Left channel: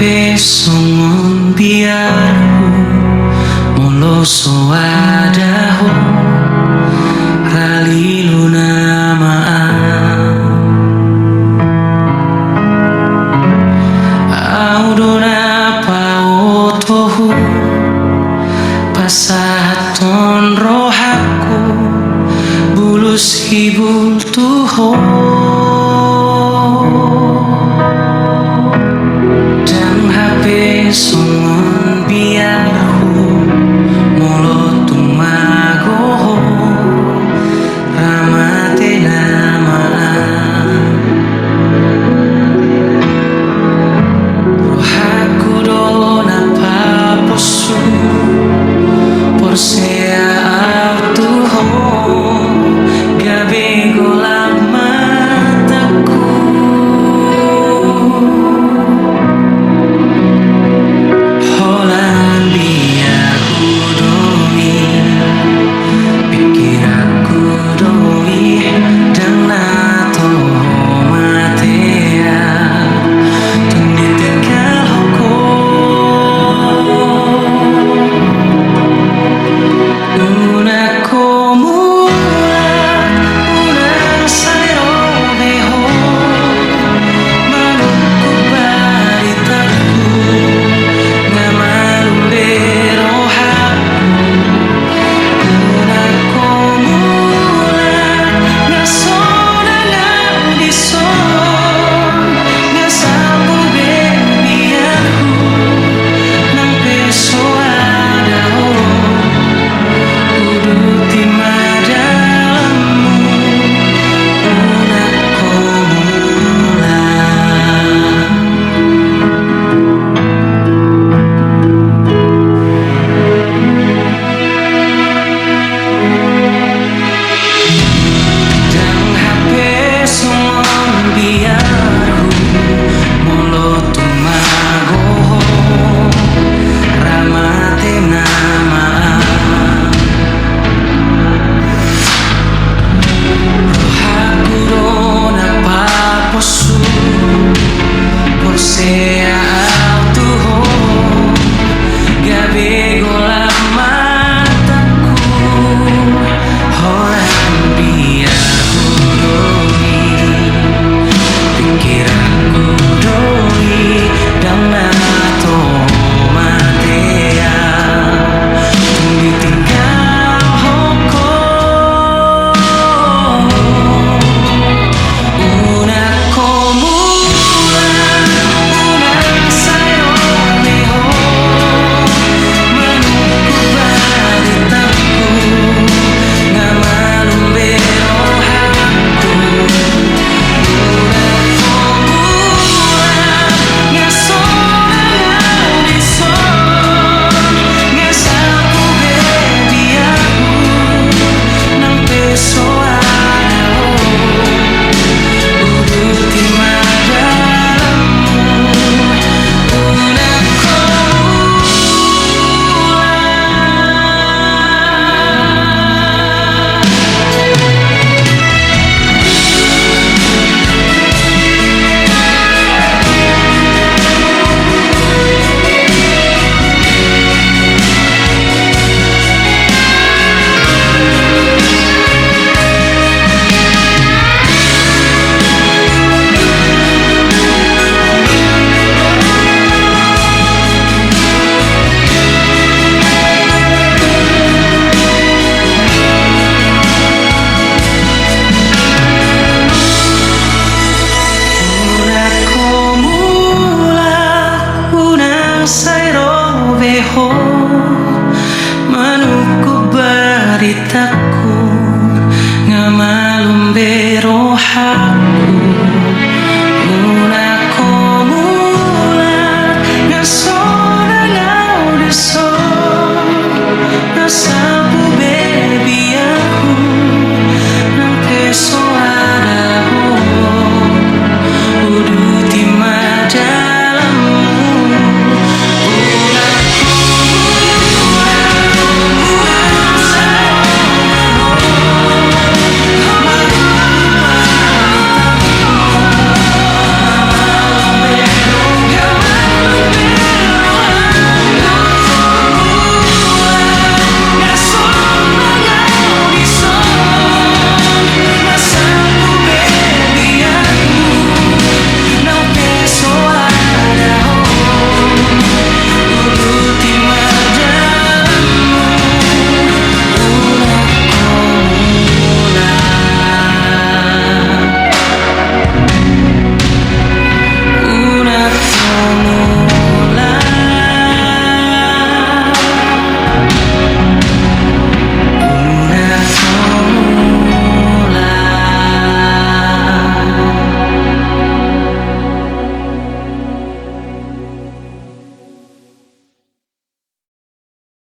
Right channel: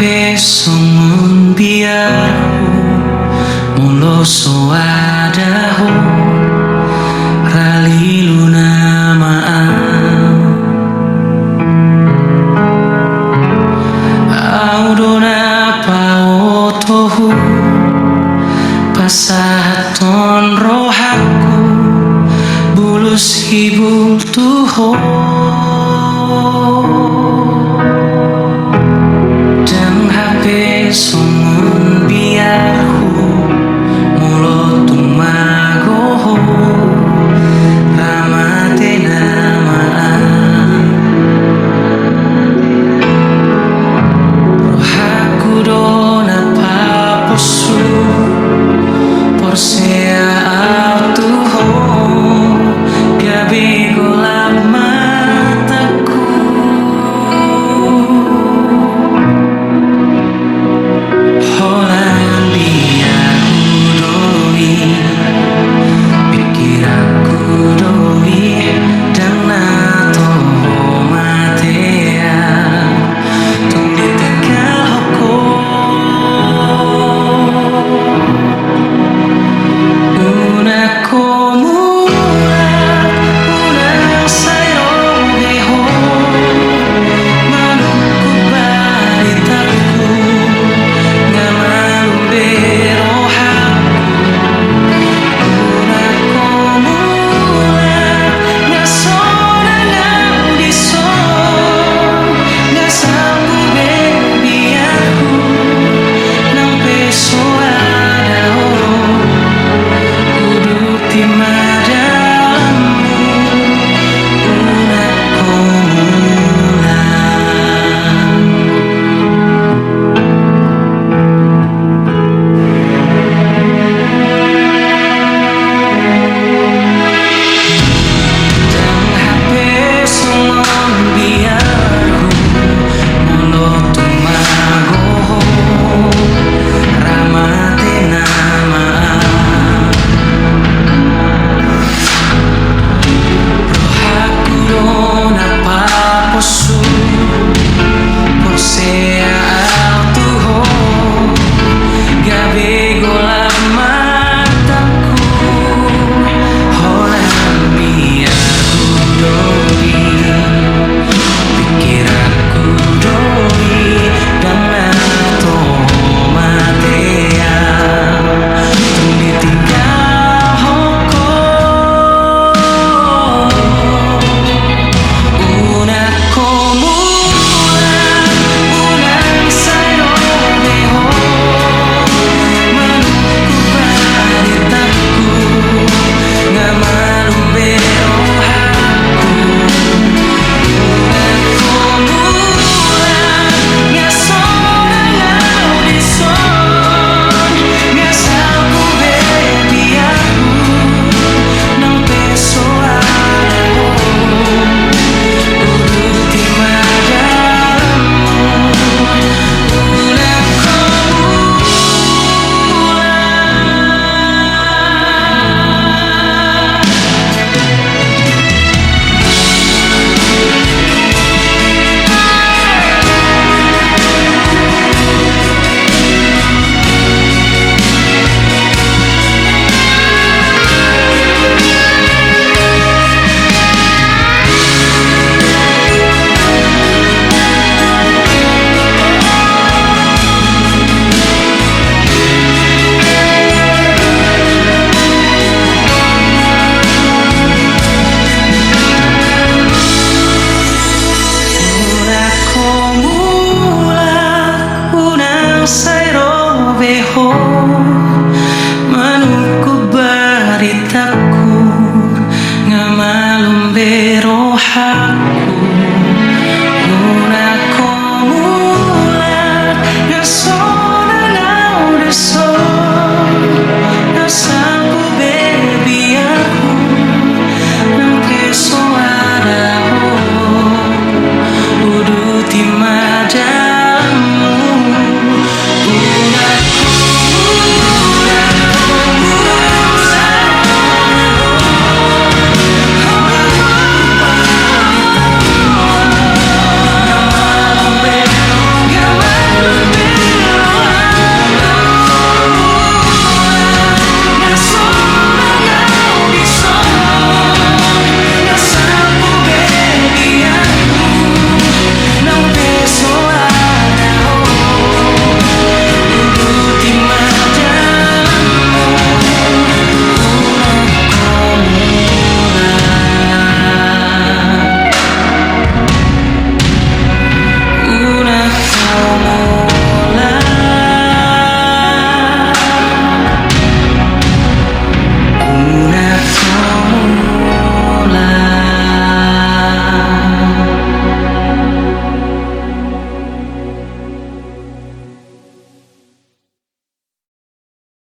hape songon biarku molo soadaho rali luna maan audona paotohu pasaton rohaku bulus hibul tuho dan hape songon biarhu molo tumagoho ramate namaan rohaku dona paposu porsea autuho gabe golap mataku holan biarku doi pikir aku doi dan nato matea tung ditinggal hoko unako mulat unang sairo beho manukku baritaku ngamalum berohaku unako mulat ngasona ngaudison ngasapu bebiaku nang peso adao uduti madalammu unako mulan dan hape songon biarhu molo tumagoho ramate namaan rohaku dona paposu porsea autuho gabe golap mataku holan biarku doi pikiranku doi dan nato matea tung ditinggal hoko unako mulan unang sairo beho manukku baritaku ngamalum berohaku unako mulan ngasona ngaudison ngasapu bebiaku nang peso adao uduti madalammu unako mulan unako mulan unang sairo beho